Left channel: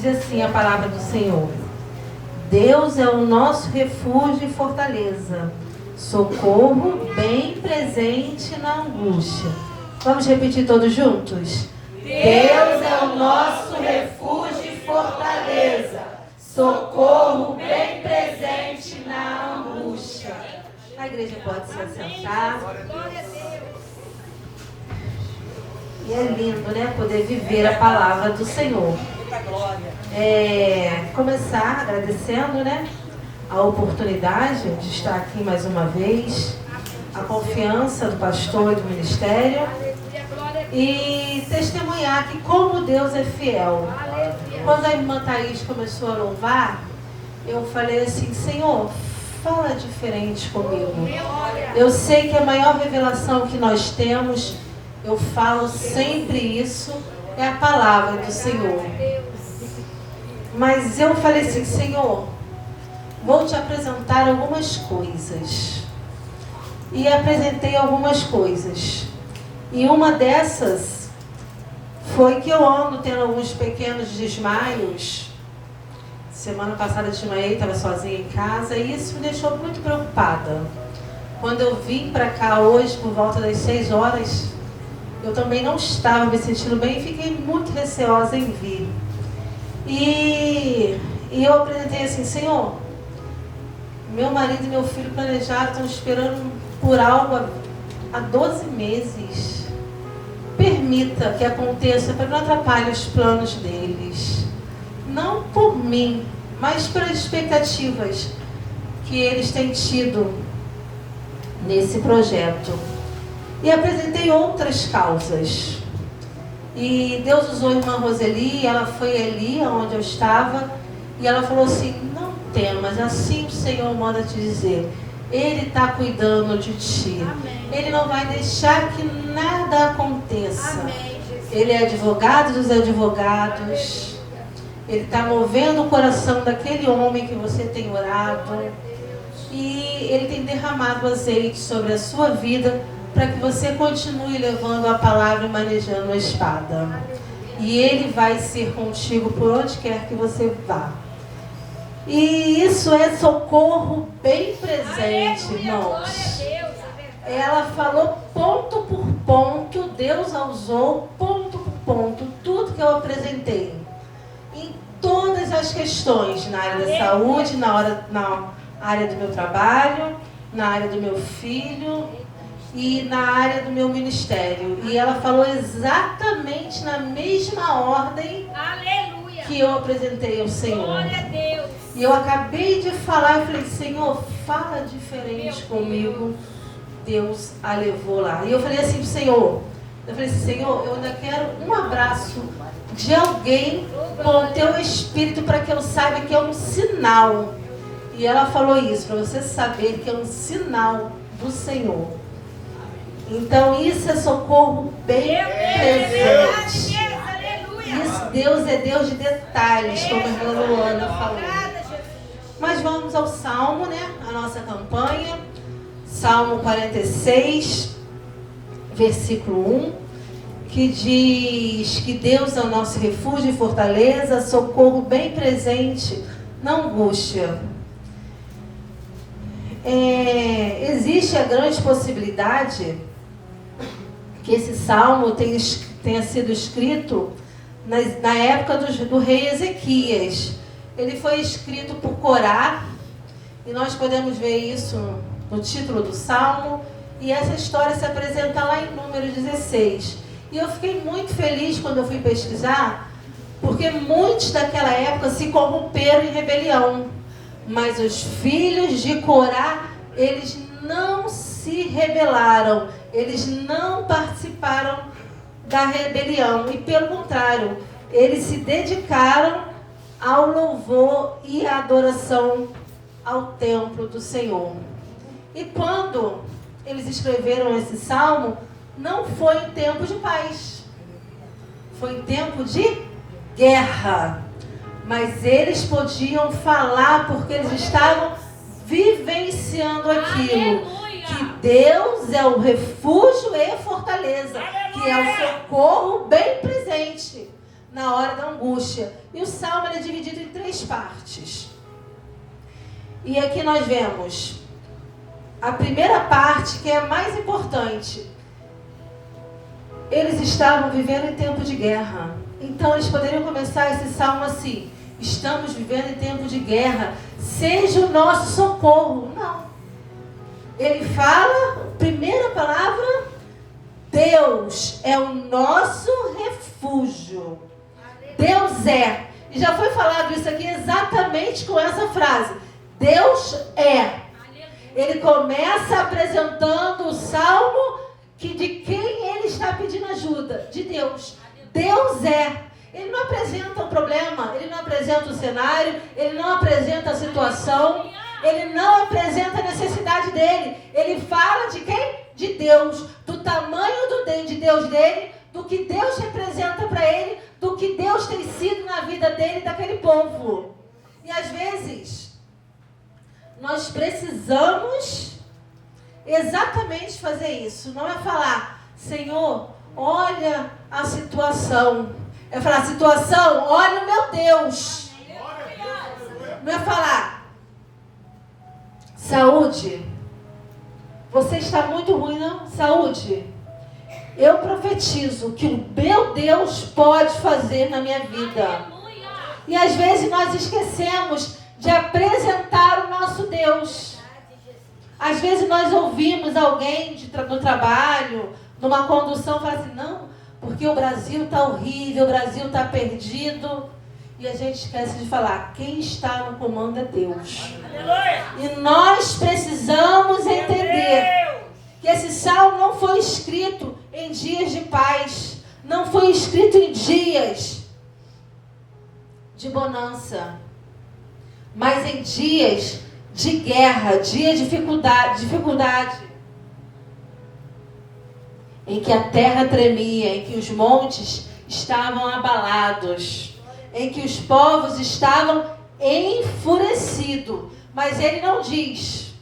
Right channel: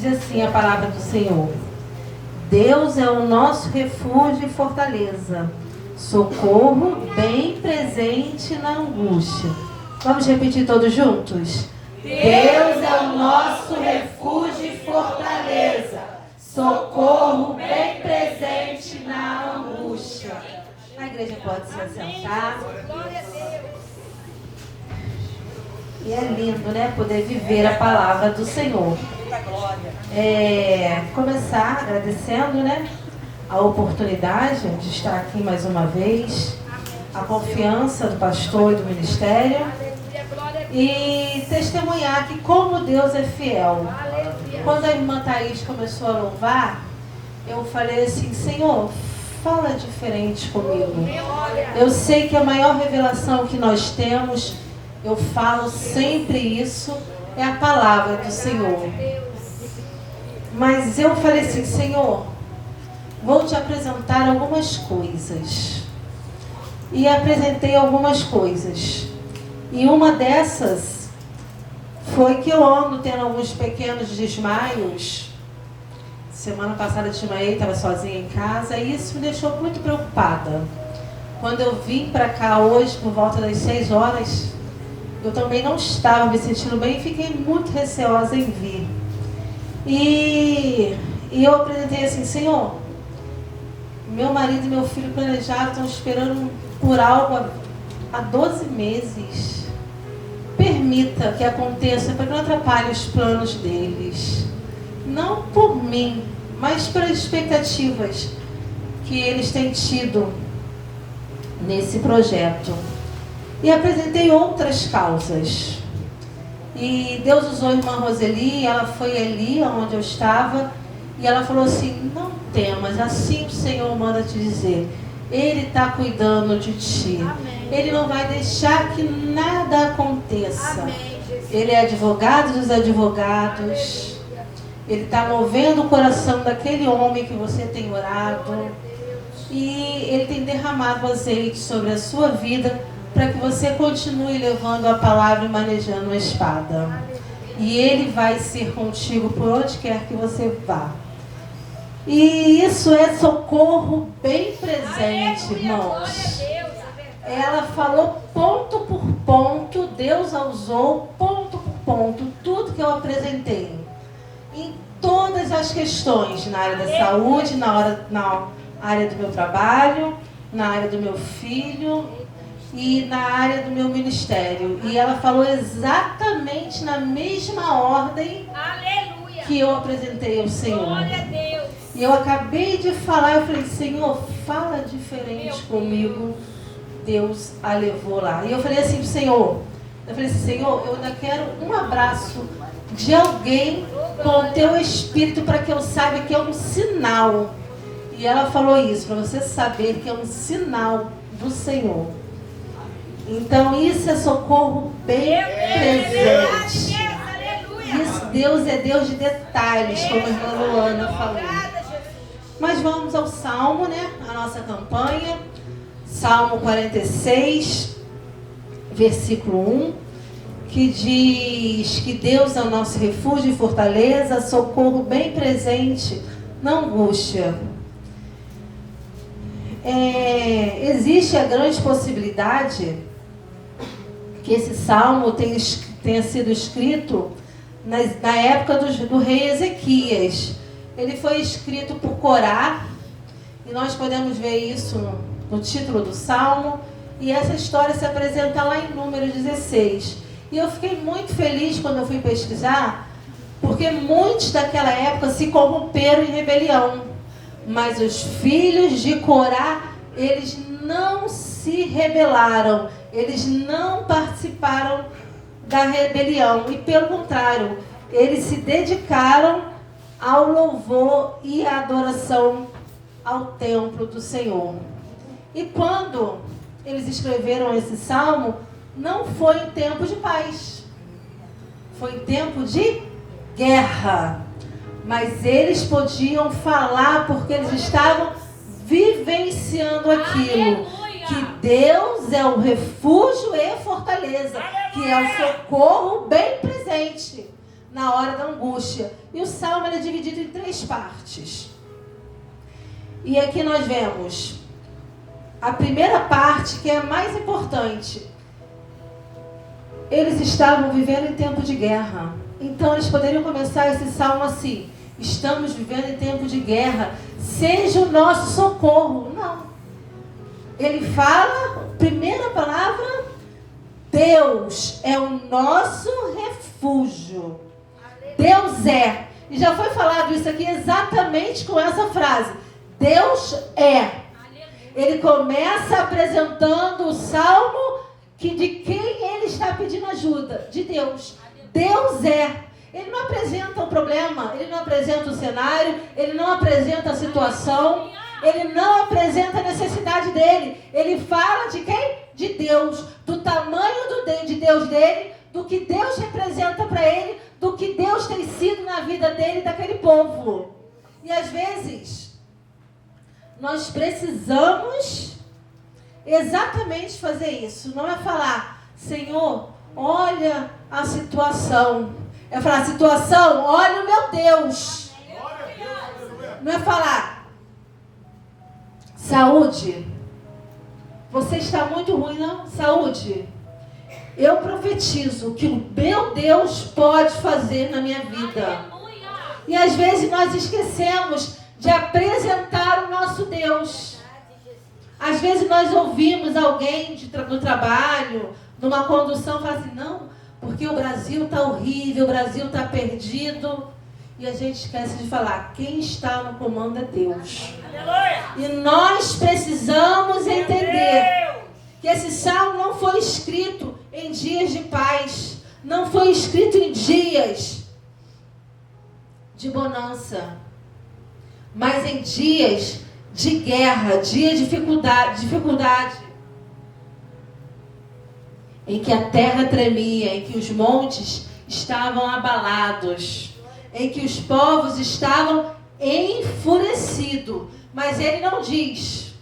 Diz assim a palavra do Senhor: Deus é o nosso refúgio e fortaleza, socorro bem presente na angústia. Vamos repetir todos juntos? Deus é o nosso refúgio e fortaleza, socorro bem presente na angústia. A igreja pode se assentar. E é lindo, né? Poder viver a palavra do Senhor. Começar agradecendo, né? A oportunidade de estar aqui mais uma vez. A confiança do pastor e do ministério. E testemunhar que como Deus é fiel. Quando a irmã Thaís começou a louvar, eu falei assim: Senhor, fala diferente comigo. Eu sei que a maior revelação que nós temos, eu falo sempre isso, é a palavra do Senhor. Mas eu falei assim: Senhor, vou te apresentar algumas coisas. E apresentei algumas coisas. E uma dessas foi que eu ando tendo alguns pequenos desmaios. Semana passada eu desmaiei, estava sozinha em casa, e isso me deixou muito preocupada. Quando eu vim para cá hoje, por volta das 6 horas, eu também não estava me sentindo bem e fiquei muito receosa em vir. E eu apresentei assim: Senhor, meu marido e meu filho planejaram, estão esperando por algo há 12 meses. Permita que aconteça para que não atrapalhe os planos deles. Não por mim, mas pelas expectativas que eles têm tido nesse projeto. E apresentei outras causas. E Deus usou a irmã Roseli, ela foi ali onde eu estava, e ela falou assim: não temas, assim o Senhor manda te dizer. Ele está cuidando de ti. Amém. Ele não vai deixar que nada aconteça. Amém, Ele é advogado dos advogados. Aleluia. Ele está movendo o coração daquele homem que você tem orado. E Ele tem derramado azeite sobre a sua vida para que você continue levando a palavra e manejando a espada. Aleluia. E Ele vai ser contigo por onde quer que você vá. E isso é socorro bem presente, irmãos. Ela falou ponto por ponto, Deus a usou ponto por ponto, tudo que eu apresentei. Em todas as questões, na área da saúde, na área do meu trabalho, na área do meu filho e na área do meu ministério. E ela falou exatamente na mesma ordem que eu apresentei ao Senhor. Glória a Deus. E eu acabei de falar, eu falei: Senhor, fala diferente comigo. Deus a levou lá. E eu falei assim pro Senhor, Senhor, eu ainda quero um abraço de alguém com o teu Espírito para que eu saiba que é um sinal. E ela falou isso, para você saber que é um sinal do Senhor. Então isso é socorro bem presente. Isso, Deus é Deus de detalhes, como a irmã Luana falou. Mas vamos ao Salmo, né? A nossa campanha. Salmo 46, versículo 1, que diz que Deus é o nosso refúgio e fortaleza, socorro bem presente na angústia. Existe a grande possibilidade que esse salmo tenha sido escrito na época do rei Ezequias. Ele foi escrito por Corá, e nós podemos ver isso no título do salmo, e essa história se apresenta lá em Números 16. E eu fiquei muito feliz quando eu fui pesquisar, porque muitos daquela época se corromperam em rebelião, mas os filhos de Corá, eles não se rebelaram, eles não participaram da rebelião, e pelo contrário, eles se dedicaram ao louvor e à adoração ao templo do Senhor. E quando eles escreveram esse salmo, não foi em tempo de paz, foi em tempo de guerra. Mas eles podiam falar porque eles estavam vivenciando aquilo. Aleluia. Que Deus é o refúgio e fortaleza. Aleluia. Que é o socorro bem presente na hora da angústia. E o salmo é dividido em 3 partes. E aqui nós vemos a primeira parte, que é a mais importante. Eles estavam vivendo em tempo de guerra. Então eles poderiam começar esse salmo assim: estamos vivendo em tempo de guerra, seja o nosso socorro. Não. Ele fala, primeira palavra, Deus é o nosso refúgio. Deus é. E já foi falado isso aqui exatamente com essa frase. Deus é. Ele começa apresentando o salmo que de quem ele está pedindo ajuda? De Deus. Deus é. Ele não apresenta o problema, ele não apresenta o cenário, ele não apresenta a situação, ele não apresenta a necessidade dele. Ele fala de quem? De Deus. Do tamanho de Deus dele, do que Deus representa para ele, do que Deus tem sido na vida dele, daquele povo. E às vezes, nós precisamos exatamente fazer isso. Não é falar, Senhor, olha a situação. É falar, situação, olha o meu Deus. Não é falar, saúde, você está muito ruim, não? Saúde, eu profetizo que o meu Deus pode fazer na minha vida. E às vezes nós esquecemos de apresentar o nosso Deus. Às vezes nós ouvimos alguém no trabalho, numa condução, falar assim, não, porque o Brasil está horrível, o Brasil está perdido. E a gente esquece de falar, quem está no comando é Deus. Aleluia. E nós precisamos entender que esse salmo não foi escrito em dias de paz, não foi escrito em dias de bonança, mas em dias de guerra, dias de dificuldade, em que a terra tremia, em que os montes estavam abalados, em que os povos estavam enfurecidos. Mas ele não diz,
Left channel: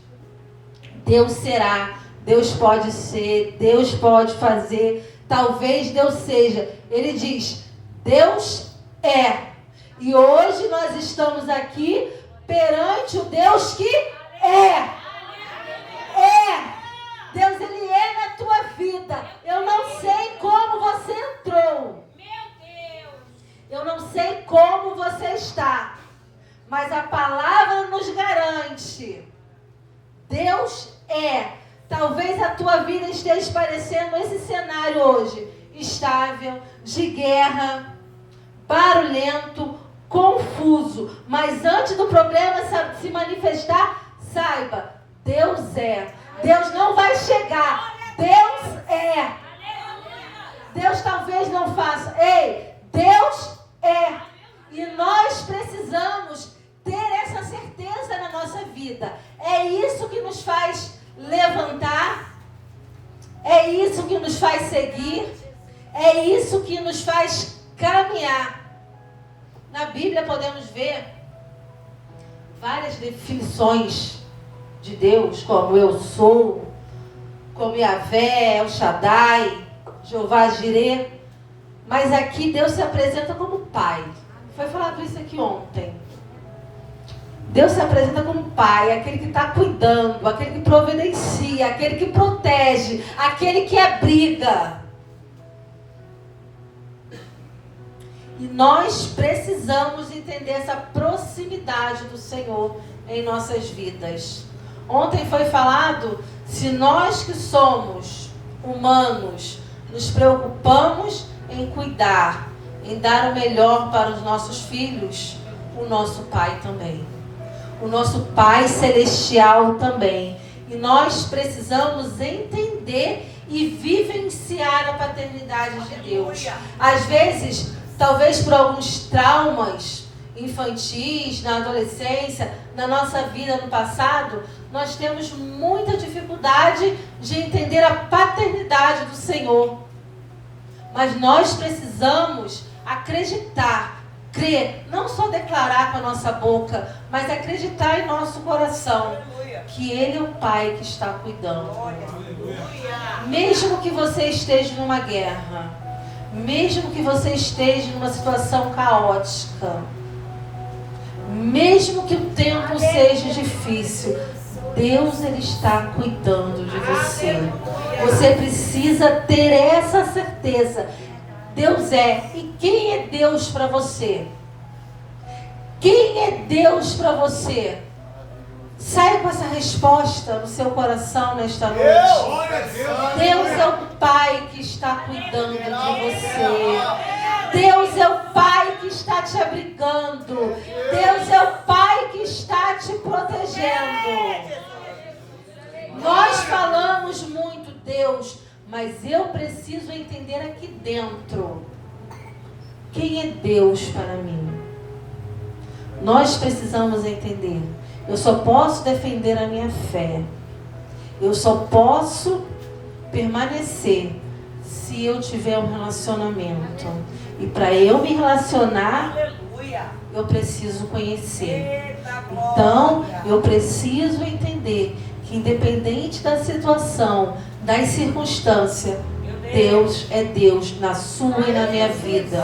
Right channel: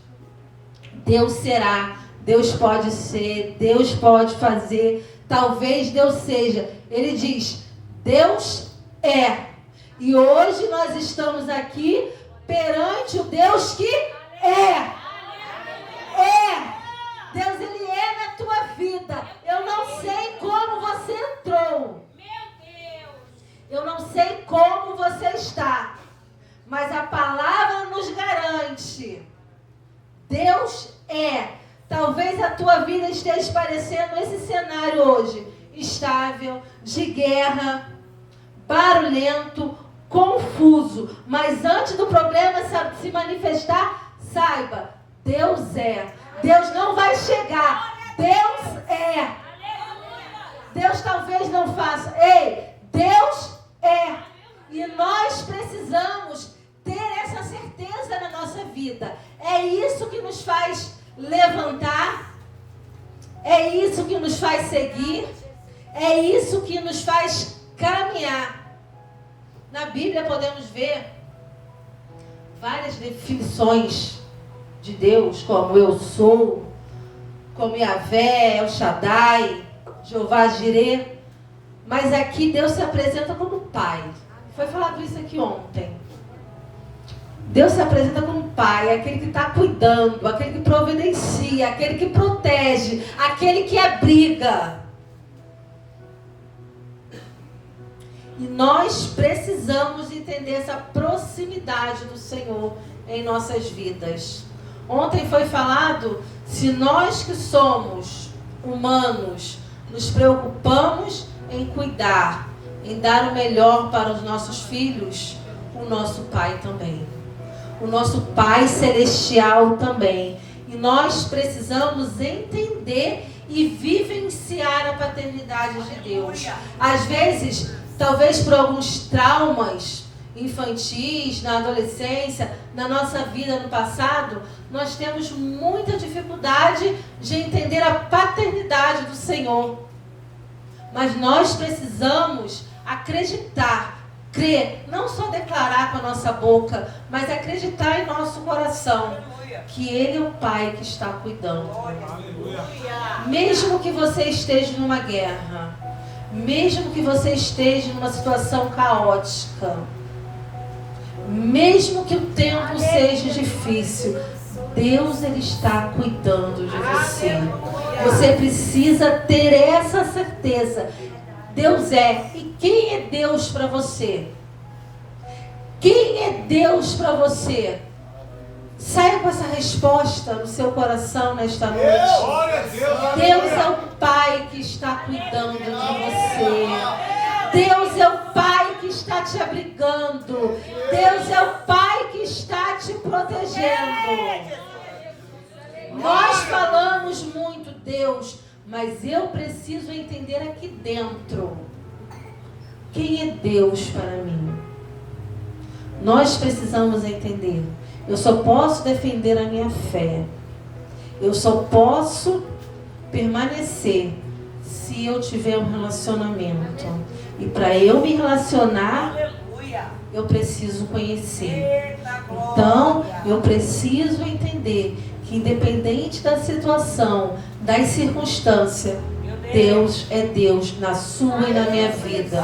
Deus será, Deus pode ser, Deus pode fazer, talvez Deus seja. Ele diz, Deus é. E hoje nós estamos aqui perante o Deus que é. É. Deus, Ele é na tua vida. Eu não sei como você entrou. Eu não sei como você está. Mas a palavra nos garante. Deus é. Talvez a tua vida esteja parecendo esse cenário hoje. Instável, de guerra, barulhento, confuso. Mas antes do problema se manifestar, saiba, Deus é. Deus não vai chegar. Deus é. Deus talvez não faça. Ei, Deus é. E nós precisamos ter essa certeza na nossa vida. É isso que nos faz levantar. É isso que nos faz seguir. É isso que nos faz caminhar. Na Bíblia podemos ver várias definições de Deus, como eu sou, como Yahvé, El Shaddai, Jeová Jireh. Mas aqui Deus se apresenta como Pai. Foi falado isso aqui ontem. Deus se apresenta como Pai, aquele que está cuidando, aquele que providencia, aquele que protege, aquele que abriga. E nós precisamos entender essa proximidade do Senhor em nossas vidas. Ontem foi falado, se nós que somos humanos nos preocupamos em cuidar, em dar o melhor para os nossos filhos, o nosso Pai também. O nosso Pai Celestial também. E nós precisamos entender e vivenciar a paternidade de Deus. Às vezes, talvez por alguns traumas infantis, na adolescência, na nossa vida no passado, nós temos muita dificuldade de entender a paternidade do Senhor. Mas nós precisamos acreditar, crer, não só declarar com a nossa boca, mas acreditar em nosso coração que Ele é o Pai que está cuidando. Mesmo que você esteja numa guerra, Mesmo que você esteja numa situação caótica, mesmo que o tempo seja difícil, Deus, Ele está cuidando de você. Você precisa ter essa certeza. Deus é. E quem é Deus para você? Quem é Deus para você? Saia com essa resposta no seu coração nesta noite. Deus é o Pai que está cuidando de você. Deus é o Pai que está te abrigando. Deus é o Pai que está te protegendo. Nós falamos muito, Deus, mas eu preciso entender aqui dentro. Quem é Deus para mim? Nós precisamos entender. Eu só posso defender a minha fé. Eu só posso permanecer se eu tiver um relacionamento. E para eu me relacionar, eu preciso conhecer. Então, eu preciso entender que independente da situação, das circunstâncias, Deus é Deus na sua e na minha vida.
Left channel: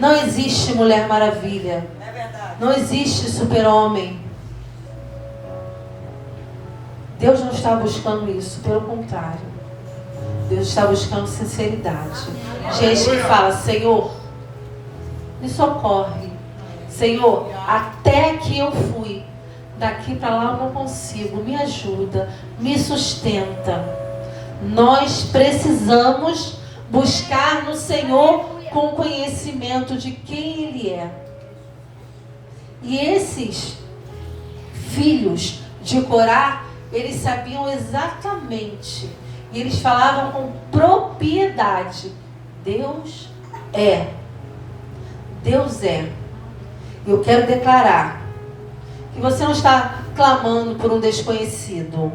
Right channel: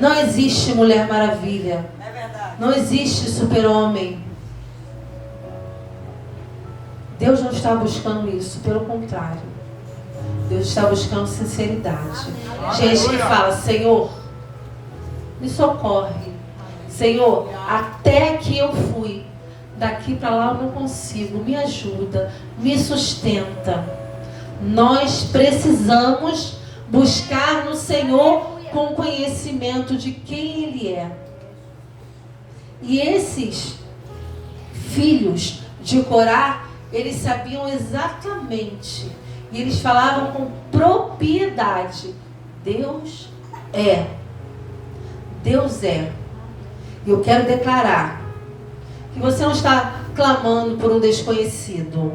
Não existe Mulher Maravilha. Não existe super-homem. Deus não está buscando isso, pelo contrário. Deus está buscando sinceridade. Gente que fala, Senhor, me socorre. Senhor, até aqui eu fui. Daqui para lá eu não consigo. Me ajuda, me sustenta. Nós precisamos buscar no Senhor com conhecimento de quem Ele é. E esses filhos de Corá, eles sabiam exatamente. E eles falavam com propriedade. Deus é. Deus é. E eu quero declarar que você não está clamando por um desconhecido.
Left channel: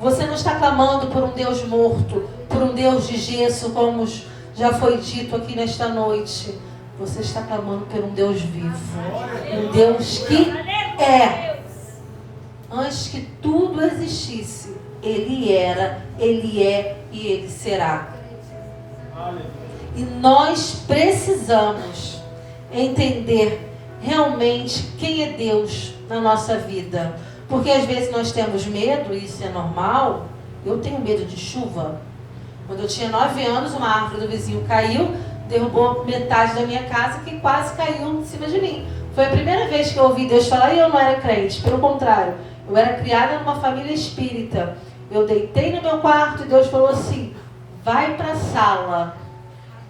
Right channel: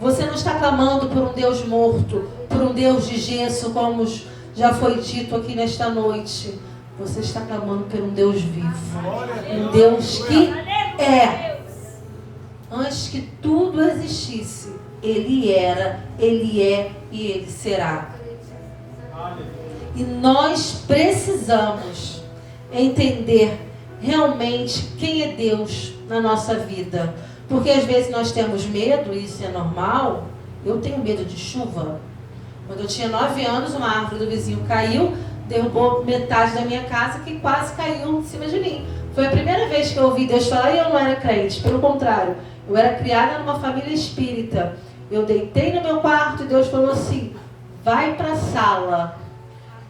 Você não está clamando por um Deus morto, por um Deus de gesso, como já foi dito aqui nesta noite. Você está clamando por um Deus vivo. Um Deus que é. Antes que tudo existisse, Ele era, Ele é e Ele será. E nós precisamos entender realmente quem é Deus na nossa vida. Porque às vezes nós temos medo, e isso é normal. Eu tenho medo de chuva. Quando eu tinha 9 anos, uma árvore do vizinho caiu, derrubou metade da minha casa, que quase caiu em cima de mim. Foi a primeira vez que eu ouvi Deus falar, e eu não era crente. Pelo contrário, eu era criada numa família espírita. Eu deitei no meu quarto e Deus falou assim, vai para a sala.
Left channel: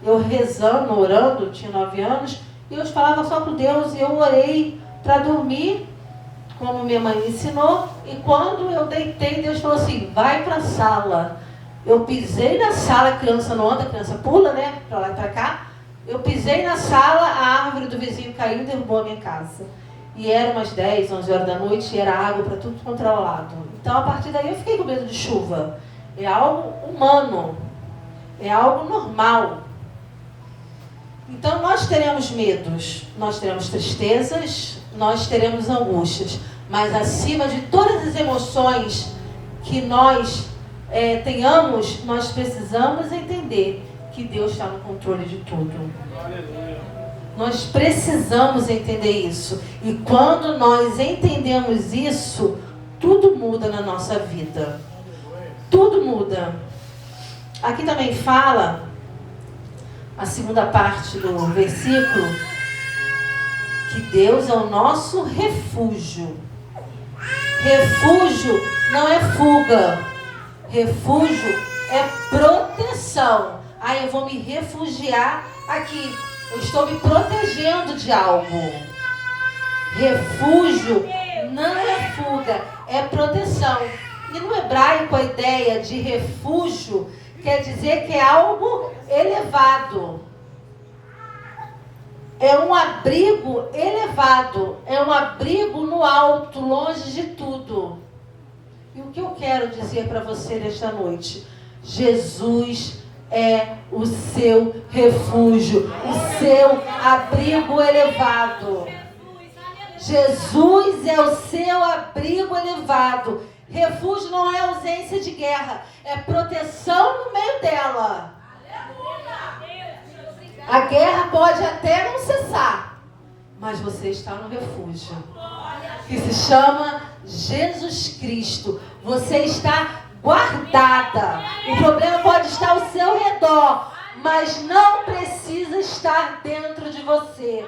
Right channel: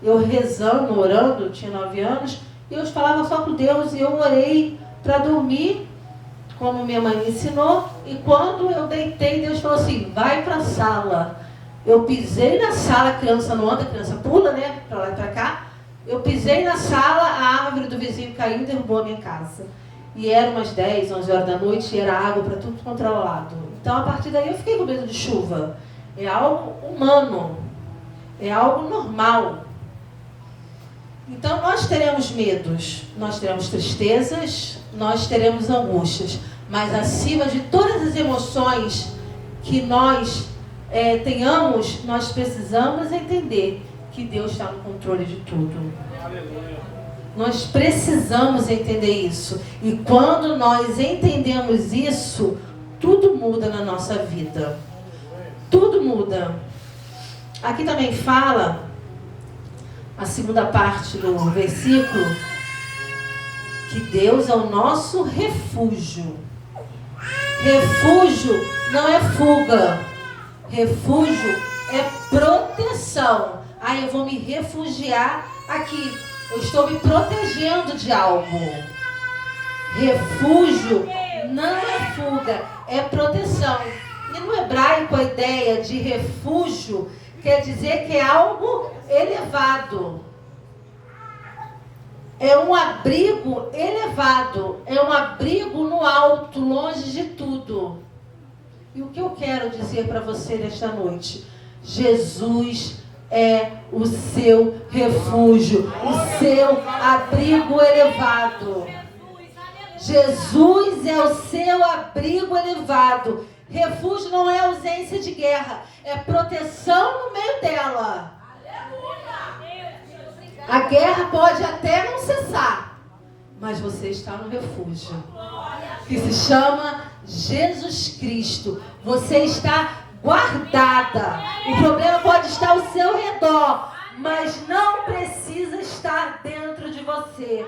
Eu rezando, orando, tinha 9 anos, e eu falava só com Deus, e eu orei para dormir, como minha mãe me ensinou, e quando eu deitei, Deus falou assim, vai para a sala. Eu pisei na sala, a criança não anda, a criança pula, né, para lá e para cá. Eu pisei na sala, a árvore do vizinho caiu e derrubou a minha casa. E era umas 10, 11 horas da noite, e era água para tudo quanto era lado. Então, a partir daí, eu fiquei com medo de chuva. É algo humano, é algo normal. Então, nós teremos medos, nós teremos tristezas, nós teremos angústias. Mas, acima de todas as emoções que nós tenhamos, nós precisamos entender que Deus está no controle de tudo. Nós precisamos entender isso. E quando nós entendemos isso, tudo muda na nossa vida. Tudo muda. Aqui também fala, a segunda parte do versículo, que Deus é o nosso refúgio. Refúgio não é fuga. Refúgio é proteção. Eu vou me refugiar aqui. Eu estou me protegendo de algo. Refúgio não é fuga, é proteção. E no hebraico a ideia de refúgio quer dizer que é algo elevado. É um abrigo elevado. É um abrigo no alto, longe de tudo. E o que eu quero dizer para você nesta noite? Jesus é o seu refúgio, o seu abrigo elevado. Jesus é o seu abrigo elevado. Refúgio não é ausência de guerra, é proteção no meio dela. A guerra pode até não cessar, mas você está no refúgio, que se chama Jesus Cristo. Você está guardada. O problema pode estar ao seu redor, mas não precisa estar dentro de você.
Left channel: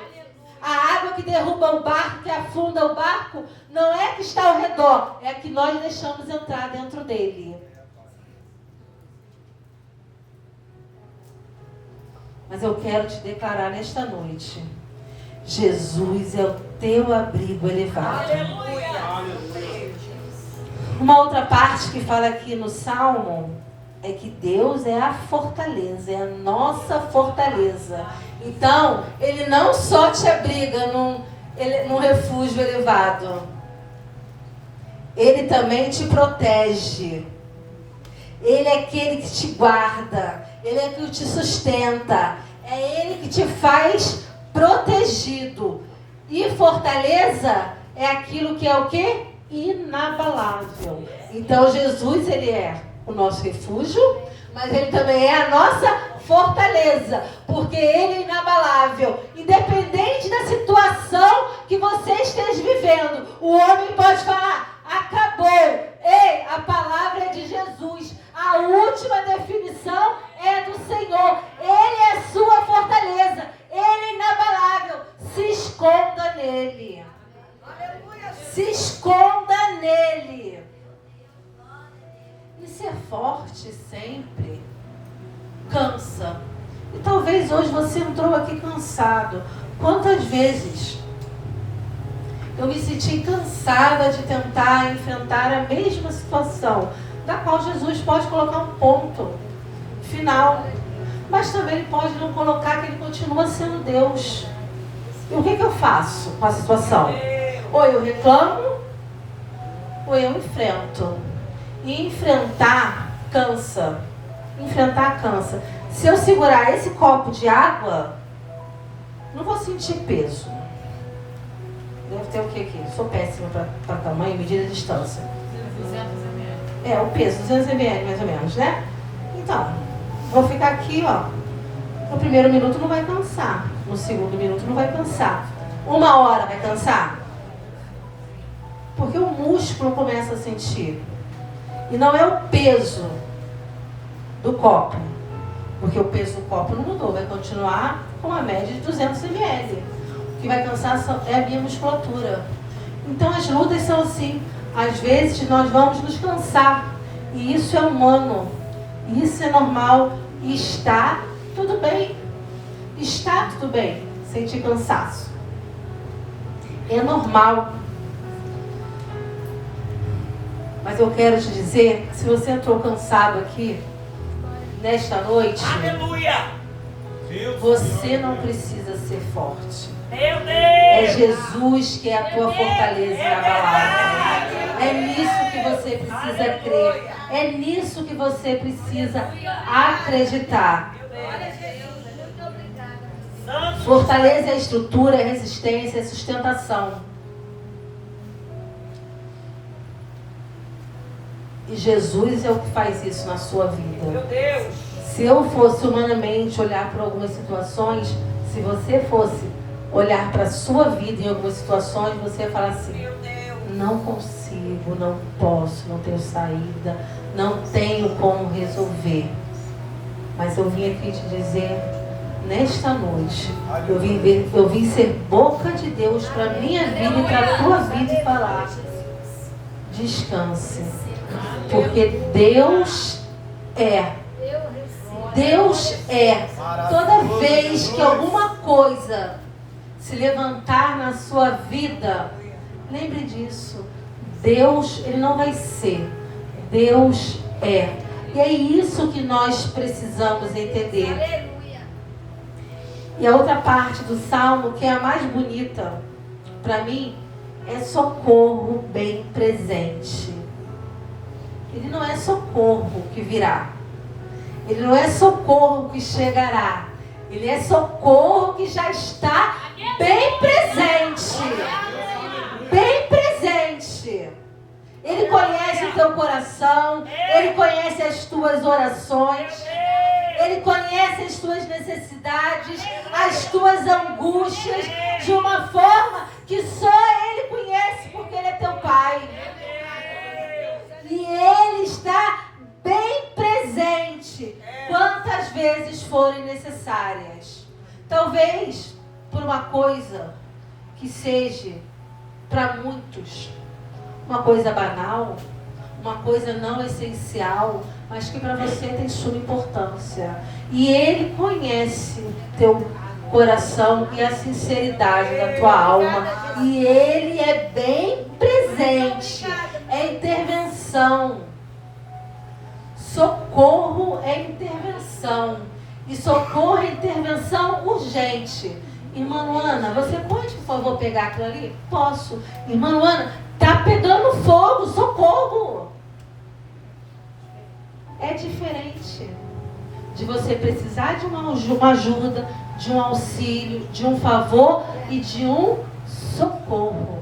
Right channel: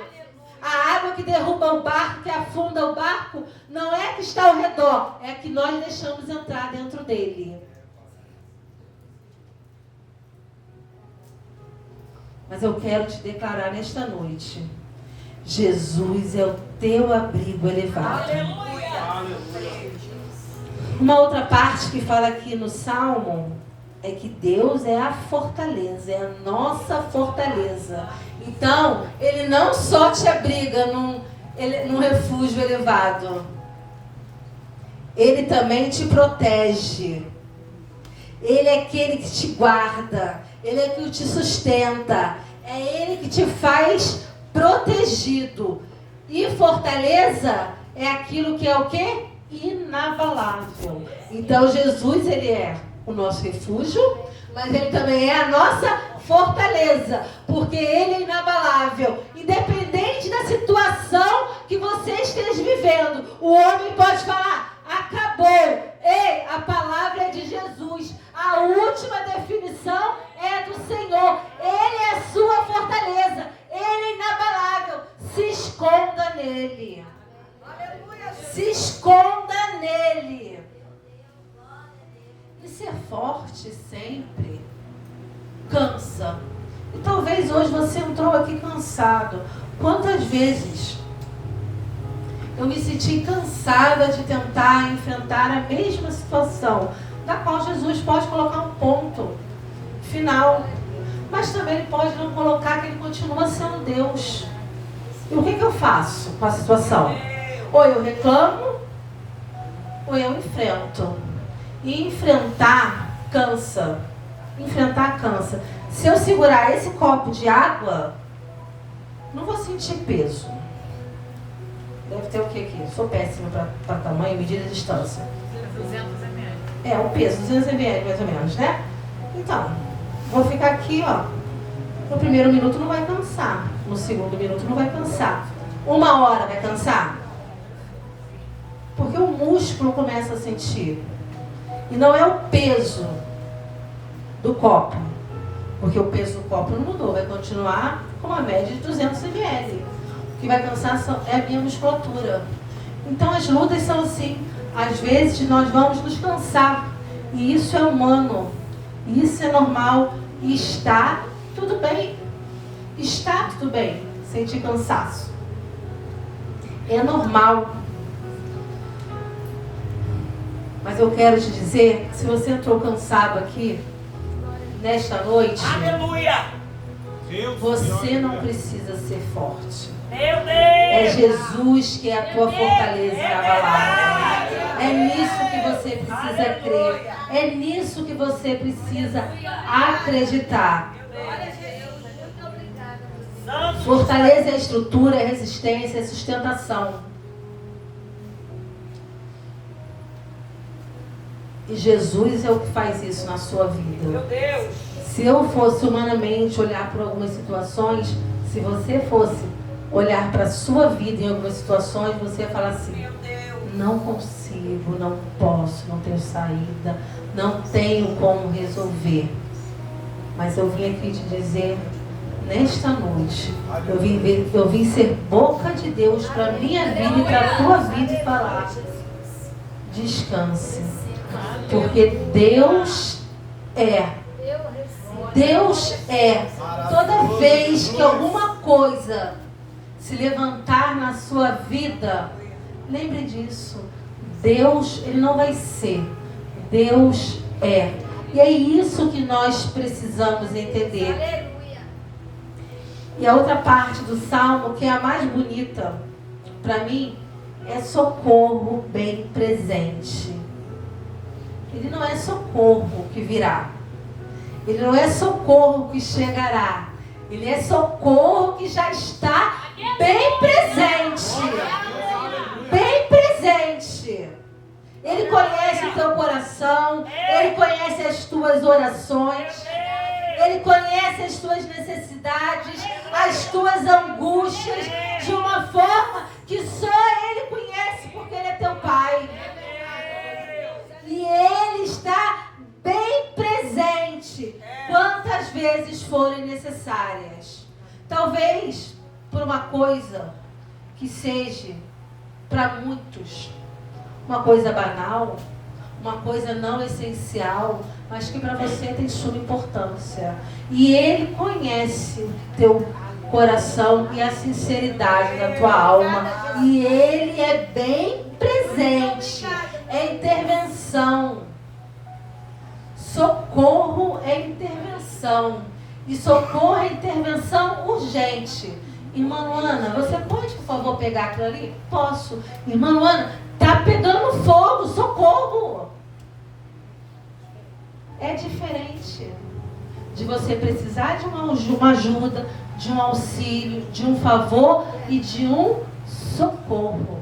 A água que derruba o barco, que afunda o barco, não é que está ao redor, é que nós deixamos entrar dentro dele. Mas eu quero te declarar nesta noite: Jesus é o teu abrigo elevado. Uma outra parte que fala aqui no Salmo é que Deus é a fortaleza, é a nossa fortaleza. Então, Ele não só te abriga num refúgio elevado, Ele também te protege. Ele é aquele que te guarda, Ele é que te sustenta, é Ele que te faz protegido. E fortaleza é aquilo que é o quê? Inabalável. Então Jesus, Ele é o nosso refúgio, mas Ele também é a nossa fortaleza, porque Ele é inabalável. Independente da situação que você esteja vivendo, o homem pode falar: acabou. Ei, a palavra é de Jesus. A última definição é do Senhor. Ele é a sua fortaleza. Ele é inabalável. Se esconda nele. Se esconda nele. E ser forte sempre cansa. E talvez hoje você entrou aqui cansado. Quantas vezes eu me senti cansada de tentar enfrentar a mesma situação, da qual Jesus pode colocar um ponto final, mas também Ele pode não colocar, que Ele continua sendo Deus. E o que eu faço com a situação? Ou eu reclamo, ou eu enfrento. E enfrentar cansa. Enfrentar cansa. Se eu segurar esse copo de água, não vou sentir peso. Deve ter o que aqui? Sou péssima para tamanho, medida de distância. 200 ml. É, o peso, 200 ml mais ou menos, né? Então, vou ficar aqui, ó. No primeiro minuto não vai cansar. No segundo minuto não vai cansar. 1 hora vai cansar? Porque o músculo começa a sentir. E não é o peso do copo. Porque o peso do copo não mudou. Vai continuar com uma média de 200 ml. O que vai cansar é a minha musculatura. Então as lutas são assim. Às vezes nós vamos nos cansar. E isso é humano. Isso é normal. E está tudo bem. Está tudo bem sentir cansaço. É normal. Mas eu quero te dizer que se você entrou cansado aqui, nesta noite, aleluia, você não precisa ser forte. Meu Deus! É Jesus que é a tua fortaleza inabalável. É nisso que você precisa crer. É nisso que você precisa acreditar. Fortaleza é estrutura, é resistência, é sustentação. E Jesus é o que faz isso na sua vida. Meu Deus! Se eu fosse humanamente olhar para algumas situações, se você fosse olhar para a sua vida em algumas situações, você ia falar assim: não consigo, não posso, não tenho saída, não tenho como resolver. Mas eu vim aqui te dizer, nesta noite, eu vim ser boca de Deus para a minha vida e para a tua vida e falar: descanse. Porque Deus é. Deus é. Toda vez que alguma coisa se levantar na sua vida, lembre disso. Deus, Ele não vai ser. Deus é. E é isso que nós precisamos entender. E a outra parte do Salmo, que é a mais bonita, para mim, é socorro bem presente. Ele não é socorro que virá. Ele não é socorro que chegará. Ele é socorro que já está bem presente. Bem presente. Ele conhece o teu coração. Ele conhece as tuas orações. Ele conhece conhece as tuas necessidades, as tuas angústias, de uma forma que só Ele conhece, porque Ele é teu Pai. E Ele está bem presente quantas vezes forem necessárias. Talvez por uma coisa que seja para muitos uma coisa banal, uma coisa não essencial, mas que para você tem suma importância. E Ele conhece teu coração e a sinceridade da tua alma. E Ele é bem presente. É intervenção. Socorro é intervenção. E socorro é intervenção urgente. Irmã Luana, você pode, por favor, pegar aquilo ali? Posso. Irmã Luana, está pegando fogo, socorro. É diferente de você precisar de uma ajuda, de um auxílio, de um favor e de um socorro.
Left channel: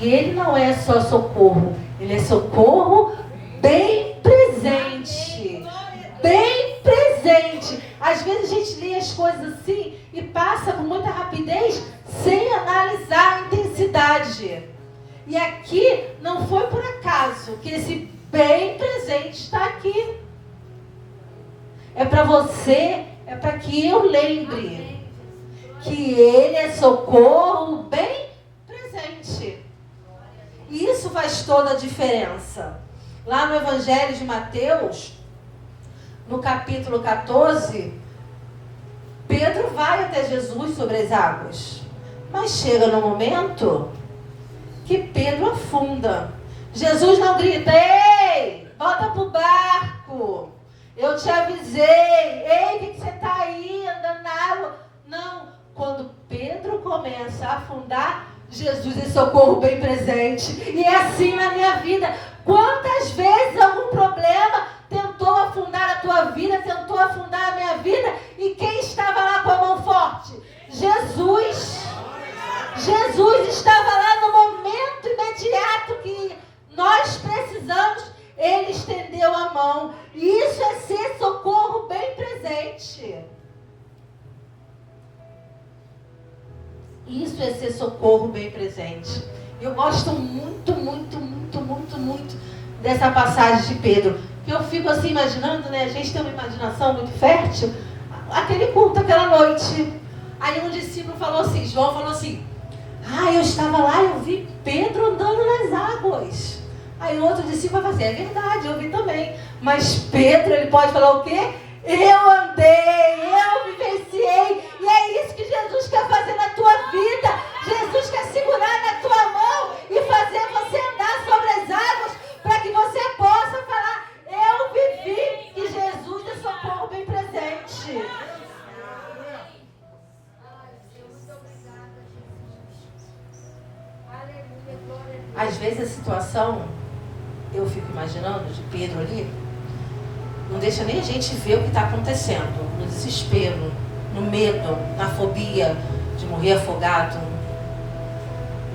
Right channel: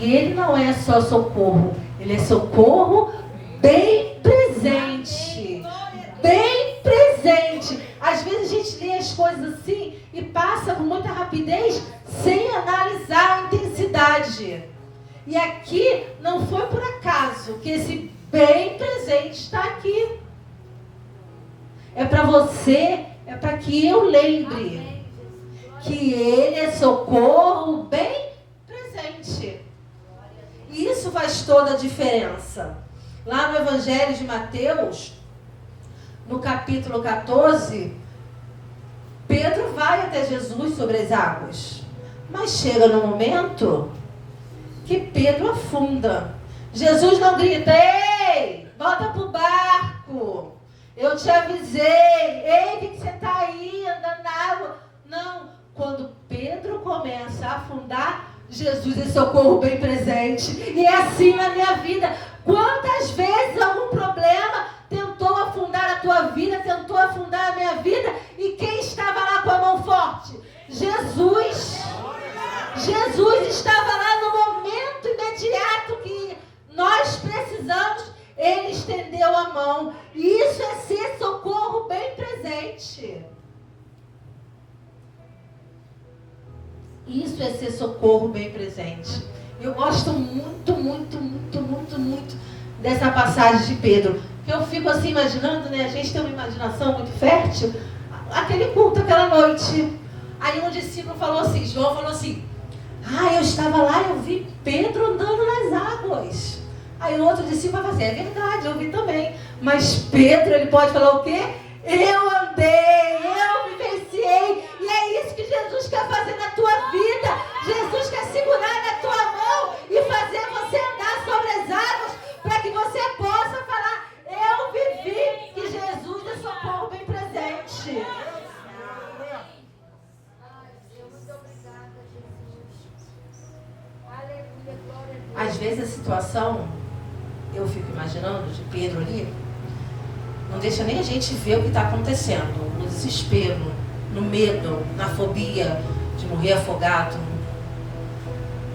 E Ele não é só socorro, Ele é socorro bem presente. Bem presente. Às vezes a gente lê as coisas assim e passa com muita rapidez sem analisar a intensidade. E aqui não foi por acaso que esse bem presente está aqui. É para você, é para que eu lembre que Ele é socorro bem presente. E isso faz toda a diferença. Lá no Evangelho de Mateus, no capítulo 14, Pedro vai até Jesus sobre as águas. Mas chega no momento que Pedro afunda. Jesus não grita: ei, volta pro barco, eu te avisei, ei, que você está aí andando na água? Não, quando Pedro começa a afundar, Jesus é socorro bem presente. E é assim na minha vida. Quantas vezes algum problema tentou afundar a tua vida, tentou afundar a minha vida, e quem estava lá com a mão forte? Jesus. Jesus estava lá no momento imediato que nós precisamos, Ele estendeu a mão. E isso é ser socorro bem presente. Isso é ser socorro bem presente. Eu gosto muito, muito, muito, muito, muito dessa passagem de Pedro. Que eu fico assim imaginando, né? A gente tem uma imaginação muito fértil. Aquele culto, aquela noite. Aí um discípulo falou assim, João falou assim: eu estava lá e eu vi Pedro andando nas águas. Aí o outro discípulo vai fazer: é verdade, eu vi também. Mas Pedro, ele pode falar o quê? Eu andei, eu vivenciei. E é isso que Jesus quer fazer na tua vida. Jesus quer segurar na tua mão e fazer você andar sobre as águas, para que você possa falar: eu vivi. E Jesus é socorro bem presente. Às vezes a situação, eu fico imaginando, de Pedro ali, não deixa nem a gente ver o que está acontecendo, no desespero, no medo, na fobia de morrer afogado.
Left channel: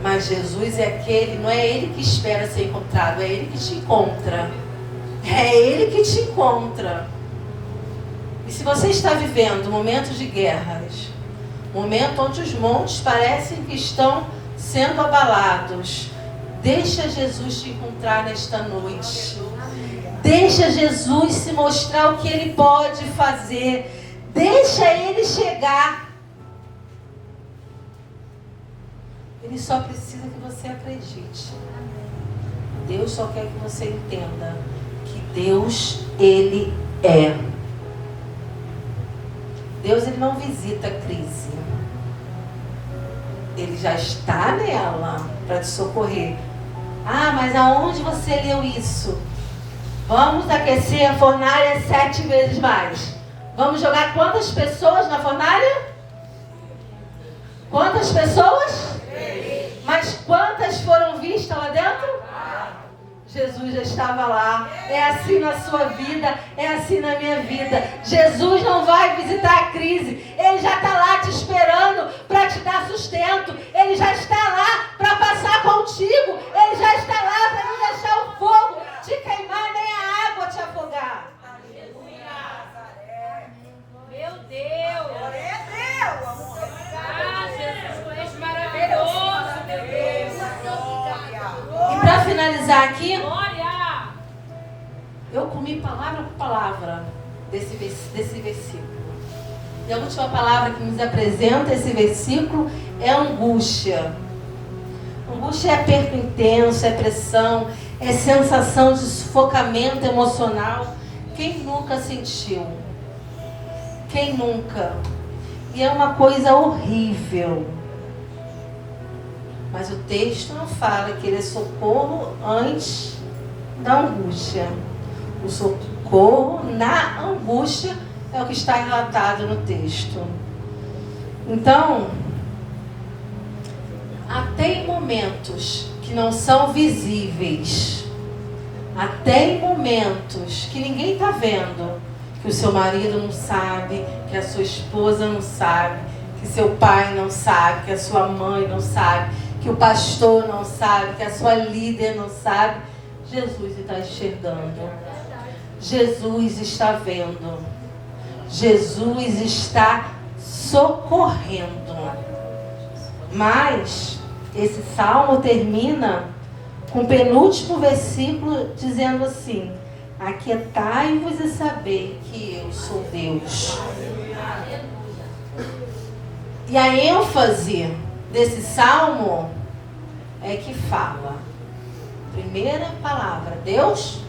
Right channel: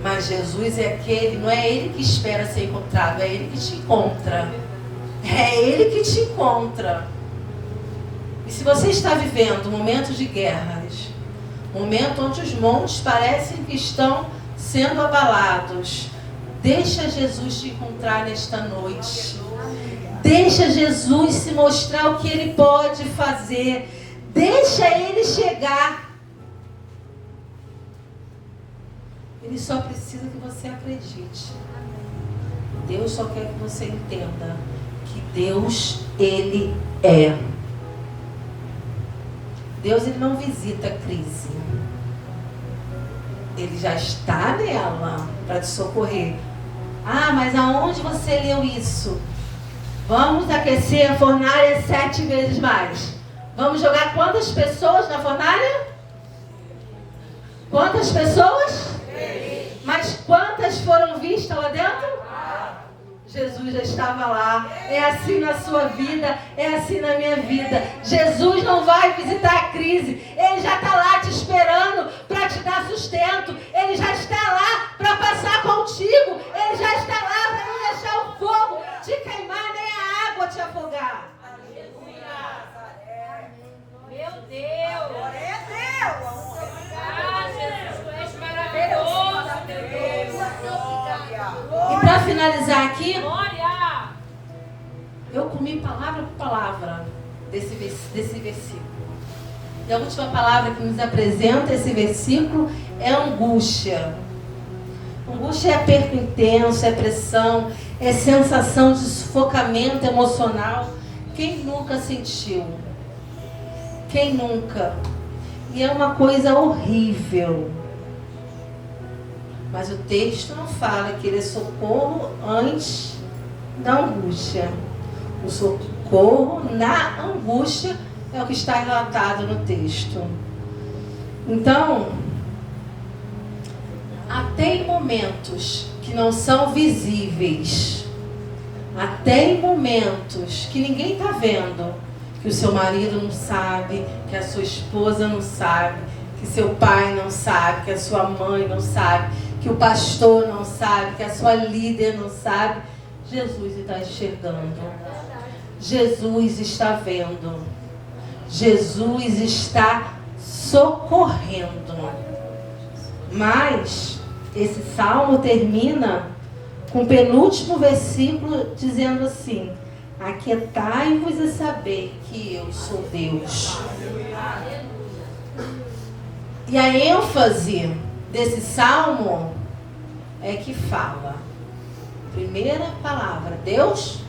Mas Jesus é aquele, não é Ele que espera ser encontrado, é Ele que te encontra. É Ele que te encontra. E se você está vivendo momentos de guerras, momento onde os montes parecem que estão sendo abalados, deixa Jesus te encontrar nesta noite. Deixa Jesus se mostrar o que Ele pode fazer. Deixa Ele chegar. Ele só precisa que você acredite. Deus só quer que você entenda que Deus, Ele é. Deus, Ele não visita a crise. Ele já está nela para te socorrer. Mas aonde você leu isso? Vamos aquecer a fornalha 7 vezes mais. Vamos jogar quantas pessoas na fornalha? Quantas pessoas? 3. Mas quantas foram vistas lá dentro? Jesus já estava lá. É assim na sua vida, é assim na minha vida. Jesus não vai visitar a crise. Ele já está lá te esperando para te dar sustento. Ele já está lá para passar contigo. Ele já está lá para não deixar o fogo te queimar, nem a água te afogar. finalizar aqui, eu comi palavra por palavra desse versículo. E a última palavra que nos apresenta esse versículo é angústia. Angústia é aperto intenso, é pressão, é sensação de sufocamento emocional. Quem nunca sentiu? Quem nunca? E é uma coisa horrível. Mas o texto não fala que ele é socorro antes da angústia. O socorro na angústia é o que está relatado no texto. Então, até em momentos que não são visíveis, até em momentos que ninguém está vendo, que o seu marido não sabe, que a sua esposa não sabe, que seu pai não sabe, que a sua mãe não sabe, que o pastor não sabe, que a sua líder não sabe, Jesus está enxergando. Jesus está vendo. Jesus está socorrendo. Mas esse salmo termina com o penúltimo versículo dizendo assim: aquietai-vos e saber que eu sou Deus. E a ênfase desse salmo é que fala, primeira palavra, Deus,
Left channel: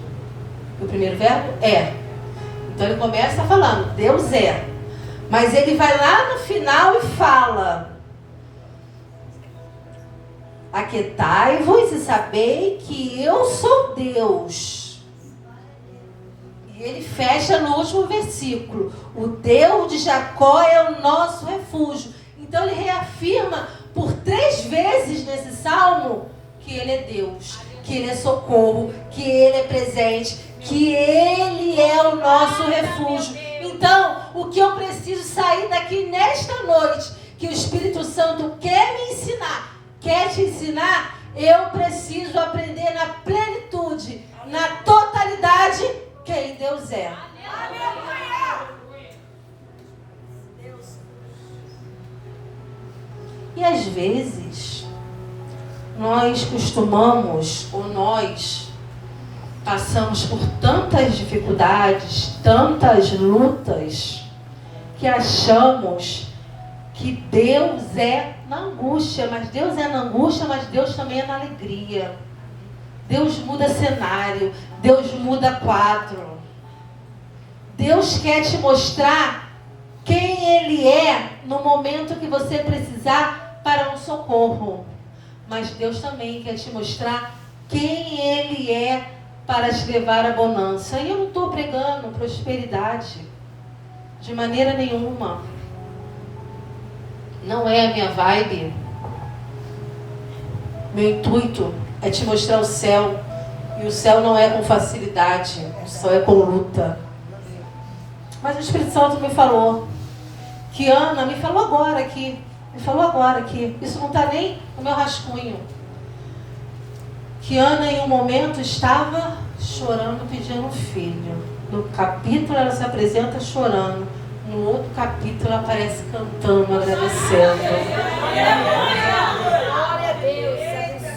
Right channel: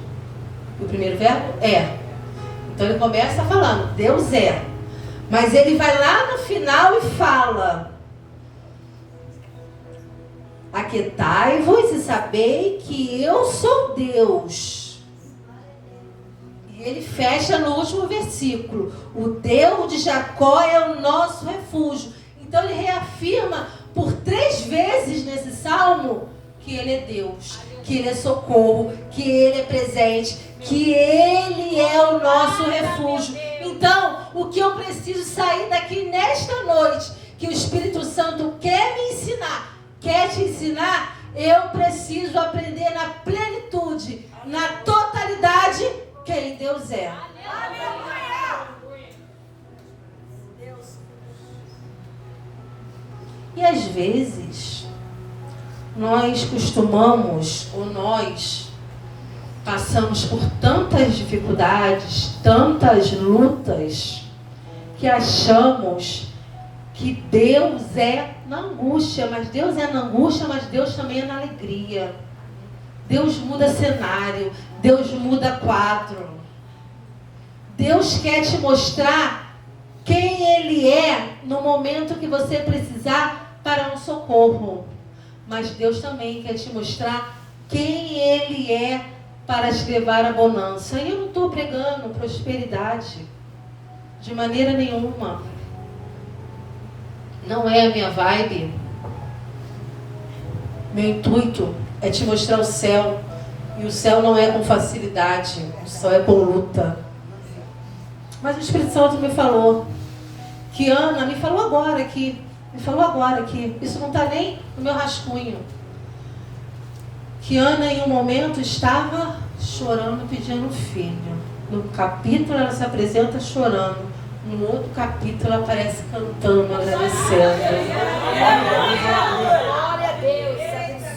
o primeiro verbo é. Então ele começa falando, Deus é. Mas ele vai lá no final e fala, aquietai-vos e sabei que eu sou Deus. E ele fecha no último versículo, o Deus de Jacó é o nosso refúgio. Então ele reafirma por 3 vezes nesse salmo que ele é Deus, que ele é socorro, que ele é presente, que ele é o nosso refúgio. Então, o que eu preciso sair daqui nesta noite, que o Espírito Santo quer me ensinar, quer te ensinar, eu preciso aprender na plenitude, na totalidade, quem Deus é. E às vezes, nós costumamos, ou nós passamos por tantas dificuldades, tantas lutas, que achamos que Deus é na angústia, mas Deus é na angústia, mas Deus também é na alegria. Deus muda cenário, Deus muda quadro. Deus quer te mostrar quem Ele é no momento que você precisar para um socorro. Mas Deus também quer te mostrar quem Ele é para te levar à bonança. E eu não estou pregando prosperidade de maneira nenhuma. Não é a minha vibe. Meu intuito é te mostrar o céu. E o céu não é com facilidade. O céu é com luta. Mas o Espírito Santo me falou. Que Ana me falou agora aqui. Isso não está nem no meu rascunho. Que Ana em um momento estava chorando, pedindo um filho. No capítulo ela se apresenta chorando. No outro capítulo ela aparece cantando, agradecendo.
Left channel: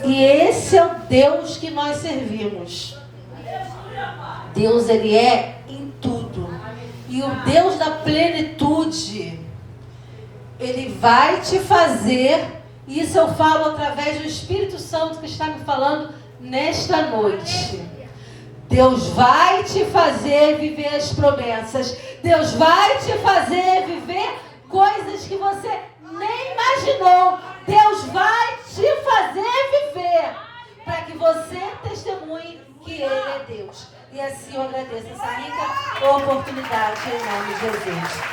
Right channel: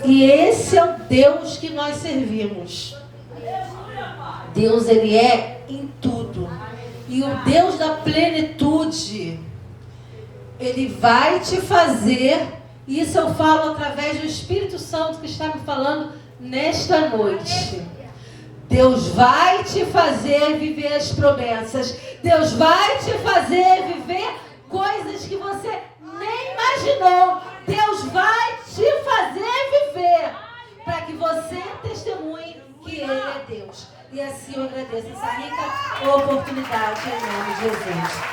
E esse é o Deus que nós servimos. Deus, Ele é em tudo. E o Deus da plenitude, Ele vai te fazer, isso eu falo através do Espírito Santo que está me falando nesta noite. Deus vai te fazer viver as promessas. Deus vai te fazer viver coisas que você nem imaginou. Deus vai te fazer viver para que você testemunhe que Ele é Deus. E assim eu agradeço essa rica oportunidade em nome de Jesus.